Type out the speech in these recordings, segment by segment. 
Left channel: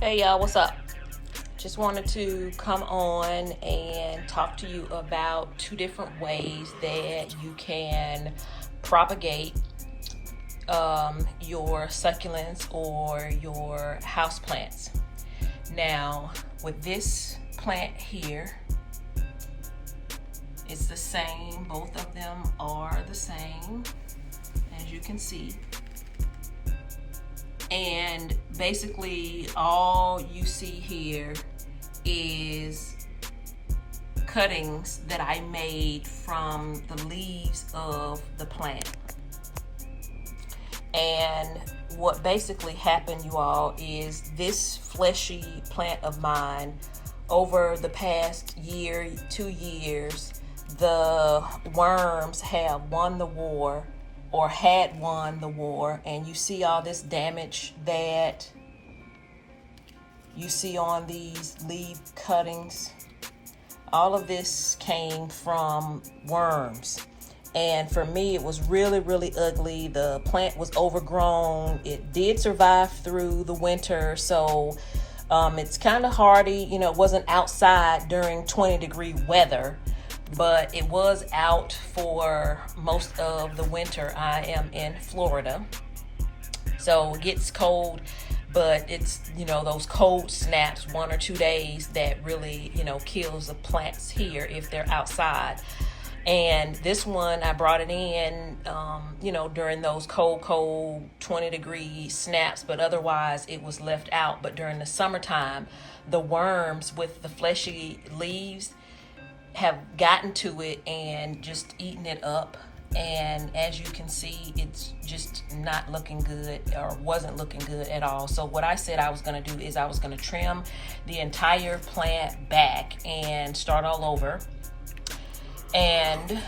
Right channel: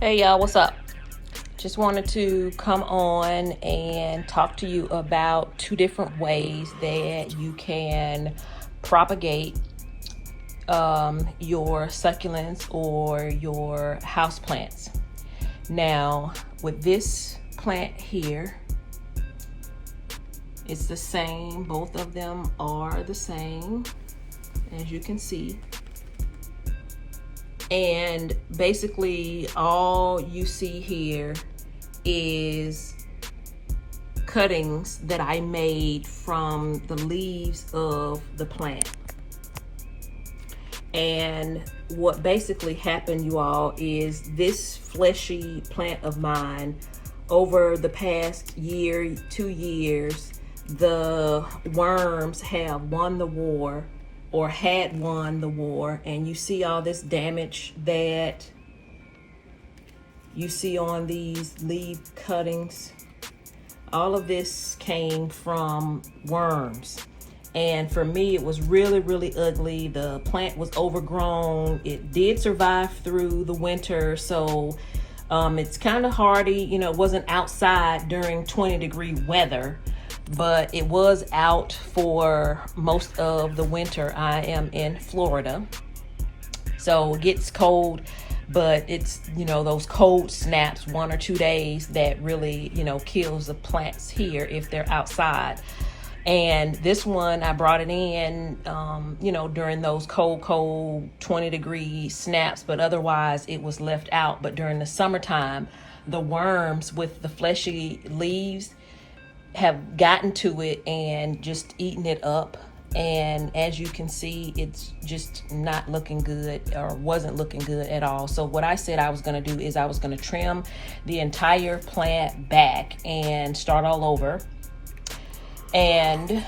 Hey y'all, what's up? Just wanted to come on and talk to you about two different ways that you can propagate your succulents or your house plants. Now, with this plant here, it's the same. Both of them are the same, as you can see. And basically all you see here is cuttings that I made from the leaves of the plant. And what basically happened, you all, is this fleshy plant of mine, over the past year, 2 years, the worms have won the war, or had won the war, and you see all this damage that you see on these leaf cuttings. All of this came from worms, and for me it was really ugly. The plant was overgrown. It did survive through the winter, so it's kind of hardy. It wasn't outside during 20-degree weather, but it was out for most of the winter. I am in Florida, so it gets cold, but it's, those cold snaps, 1 or 2 days, that really, kills the plants here if they're outside. And this one, I brought it in, during those cold 20-degree snaps, but otherwise it was left out. But during the summertime, the worms with the fleshy leaves have gotten to it and just eaten it up. And as you can see, it's just not looking good, or wasn't looking good at all. So what I said I was going to do is I was going to trim the entire plant back and start all over. And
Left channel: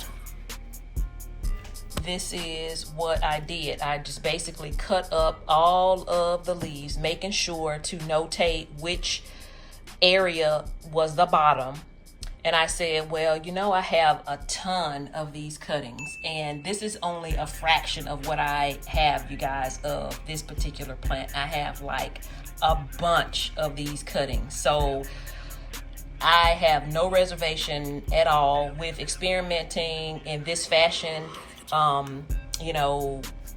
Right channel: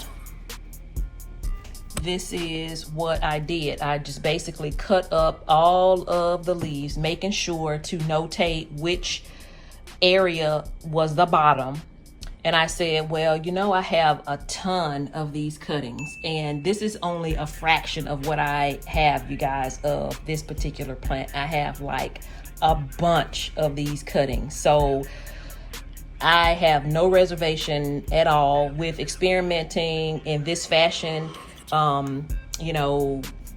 this is what I did. I just basically cut up all of the leaves, making sure to notate which area was the bottom. And I said, well, I have a ton of these cuttings, and this is only a fraction of what I have, you guys, of this particular plant. I have like a bunch of these cuttings. So I have no reservation at all with experimenting in this fashion.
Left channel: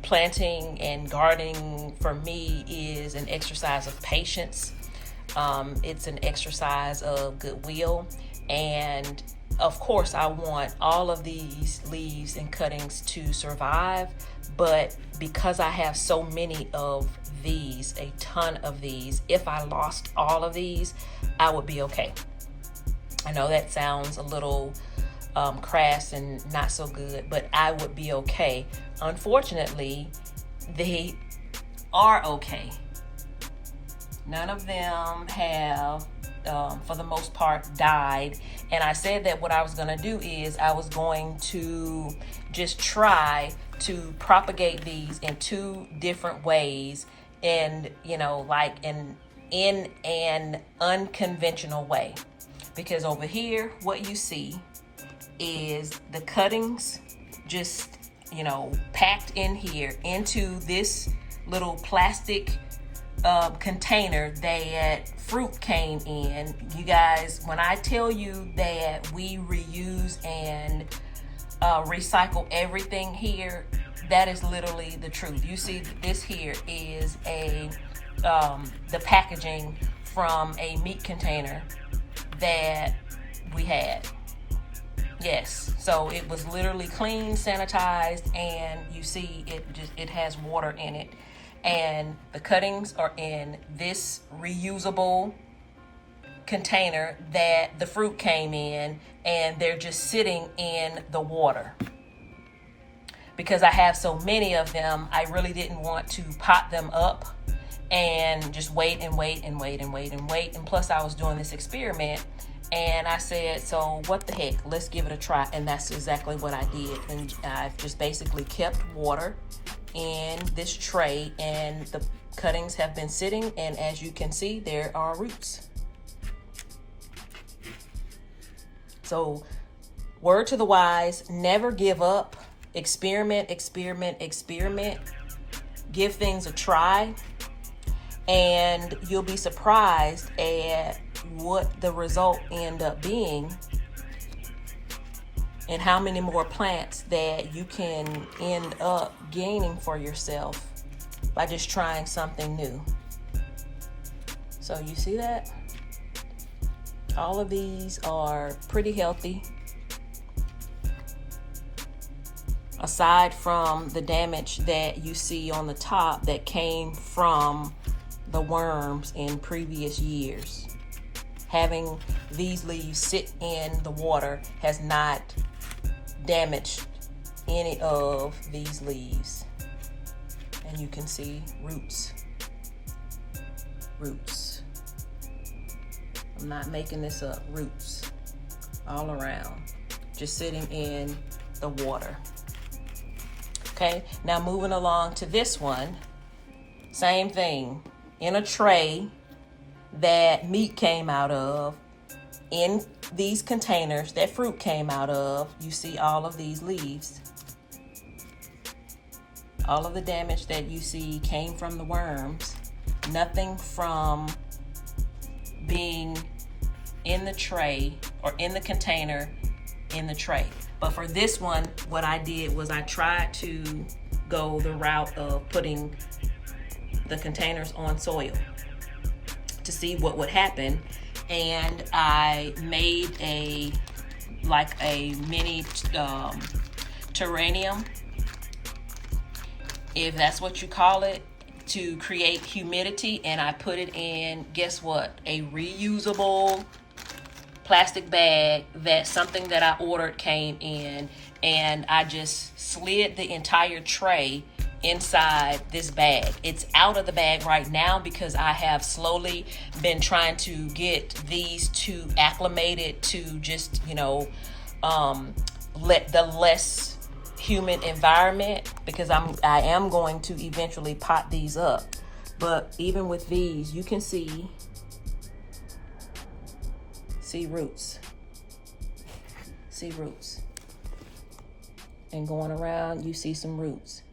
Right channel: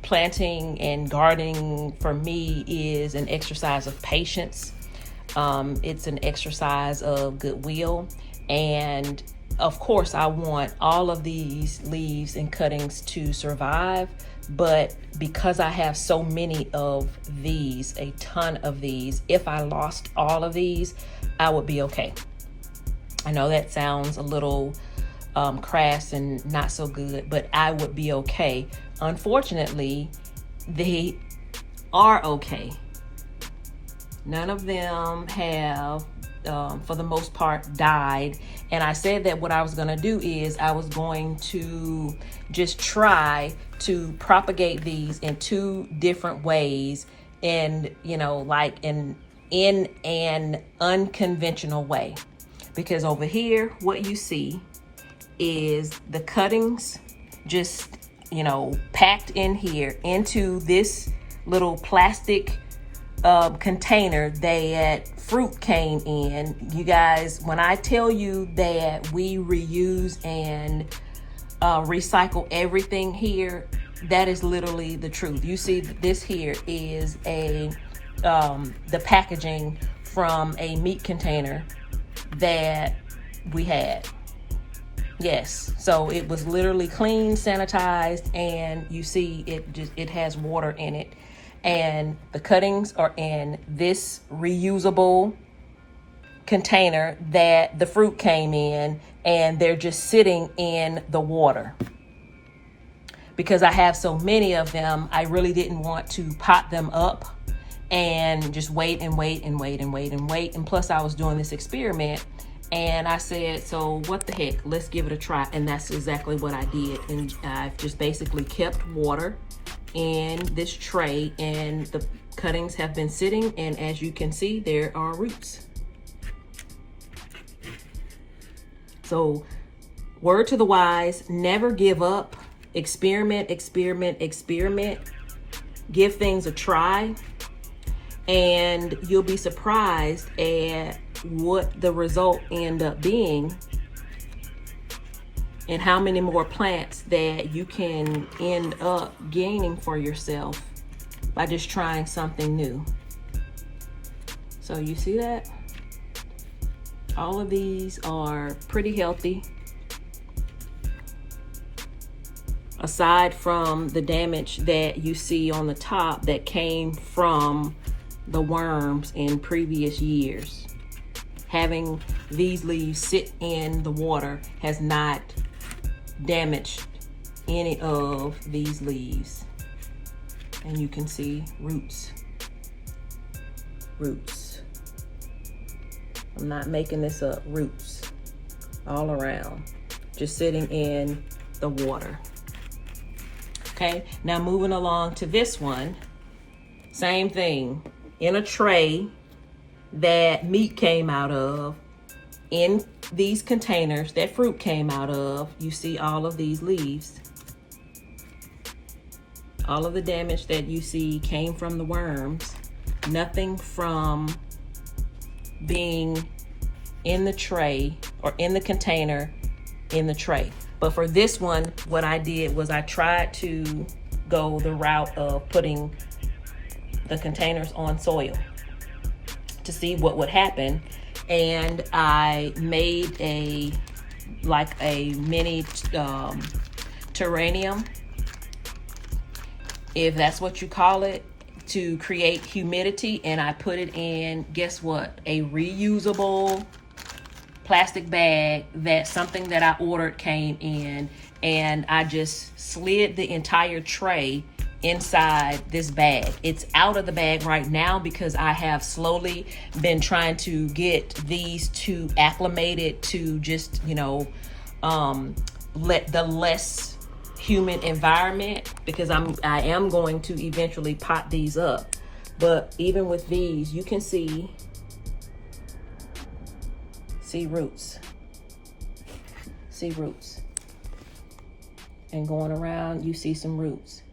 Planting and gardening for me is an exercise of patience. It's an exercise of goodwill. And of course, I want all of these leaves and cuttings to survive. But because I have so many of these, a ton of these, if I lost all of these, I would be okay. I know that sounds a little crass and not so good, but I would be okay. Unfortunately, they are okay. None of them have, for the most part, died. And I said that what I was going to do is I was going to just try to propagate these in 2 different ways, and like in an unconventional way. Because over here, what you see is the cuttings just, packed in here into this little plastic container that fruit came in. You guys, when I tell you that we reuse and recycle everything here, that is literally the truth. You see, this here is the packaging from a meat container that we had. Yes, so it was literally clean, sanitized, and you see it has water in it. And the cuttings are in this reusable container that the fruit came in, and they're just sitting in the water. Because I have so many of them, I really didn't want to pot them up and just wait. And plus I was doing this experiment, and I said, so what the heck, let's give it a try. And that's exactly what I did. And I just basically kept water in this tray, and the cuttings have been sitting, and as you can see, there are roots. So word to the wise, never give up. Experiment. Give things a try. And you'll be surprised at what the result end up being and how many more plants that you can end up gaining for yourself by just trying something new. So you see that? All of these are pretty healthy. Aside from the damage that you see on the top that came from the worms in previous years. Having these leaves sit in the water has not damaged any of these leaves. And you can see roots. Roots. I'm not making this up. Roots all around, just sitting in the water. Okay, now moving along to this one, same thing. In a tray that meat came out of, in these containers that fruit came out of, you see all of these leaves. All of the damage that you see came from the worms, nothing from being in the tray or in the container in the tray. But for this one, what I did was I tried to go the route of putting the containers on soil to see what would happen. And I made a mini terrarium, if that's what you call it, to create humidity. And I put it in, guess what? A reusable plastic bag that something that I ordered came in, and I just slid the entire tray inside this bag. It's out of the bag right now because I have slowly been trying to get these two acclimated to just, let the less humid environment, because I am going to eventually pot these up. But even with these, you can see roots. See roots. And going around, you see some roots.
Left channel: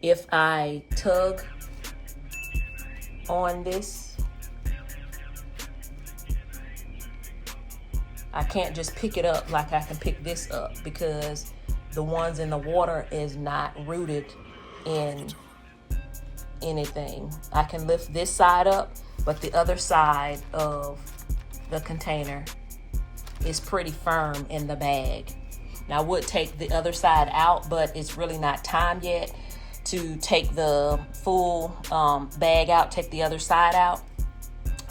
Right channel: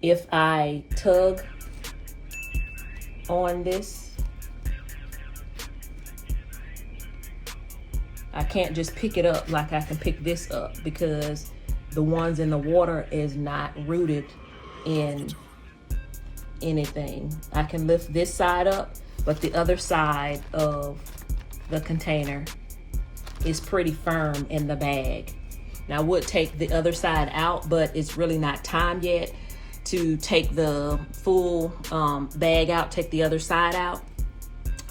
If I tug on this, I can't just pick it up like I can pick this up, because the ones in the water is not rooted in anything. I can lift this side up, but the other side of the container is pretty firm in the bag. Now I would take the other side out, but it's really not time yet to take the full bag out, take the other side out.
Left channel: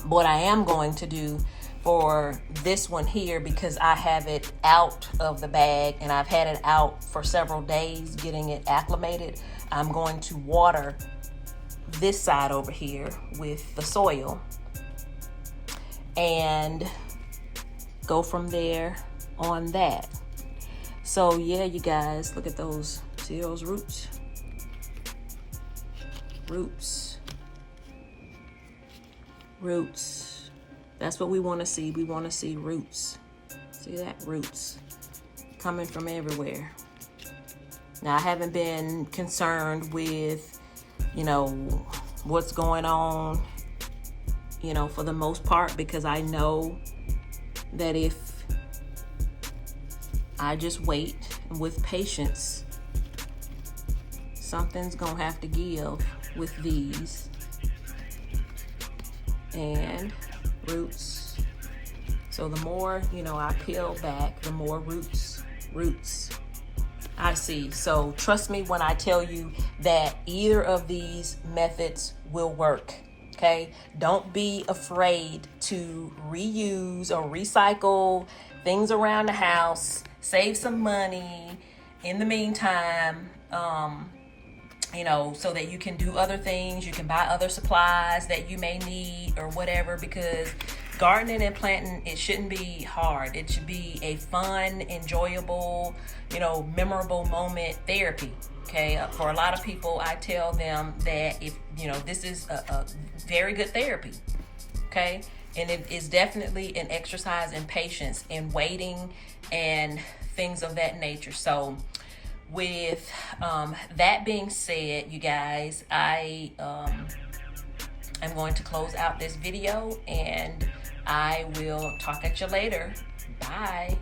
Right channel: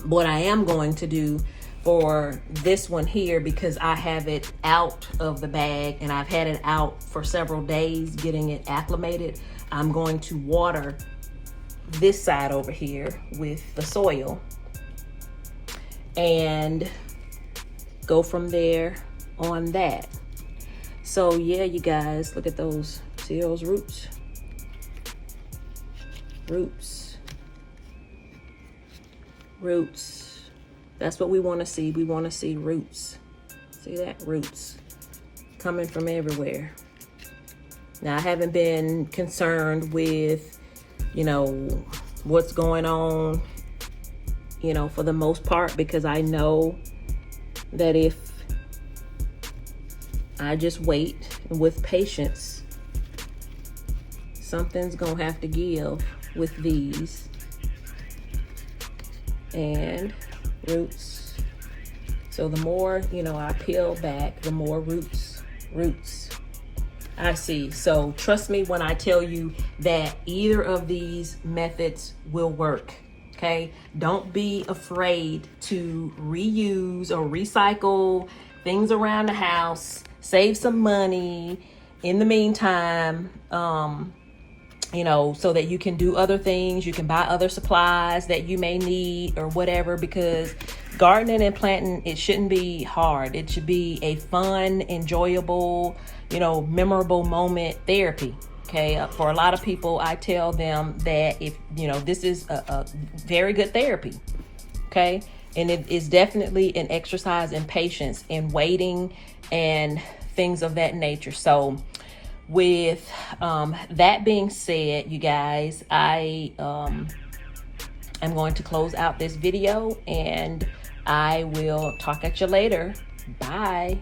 What I am going to do for this one here, because I have it out of the bag and I've had it out for several days getting it acclimated, I'm going to water this side over here with the soil and go from there on that. So yeah, you guys, look at those. See those roots? Roots. Roots. That's what we want to see. We want to see roots. See that? Roots coming from everywhere. Now, I haven't been concerned with, what's going on, for the most part, because I know that if I just wait with patience, something's gonna have to give with these. And roots. So the more, I peel back, the more roots I see. So trust me when I tell you that either of these methods will work. Okay, don't be afraid to reuse or recycle things around the house. Save some money in the meantime, so that you can do other things. You can buy other supplies that you may need or whatever, because gardening and planting, it shouldn't be hard. It should be a fun, enjoyable, memorable moment therapy. Okay, for a lot of people, I tell them that if, this is a very good therapy. Okay, and it is definitely an exercise in patience and waiting and things of that nature. So with that being said, you guys, I I'm going to close out this video, and I will talk at you later. Bye.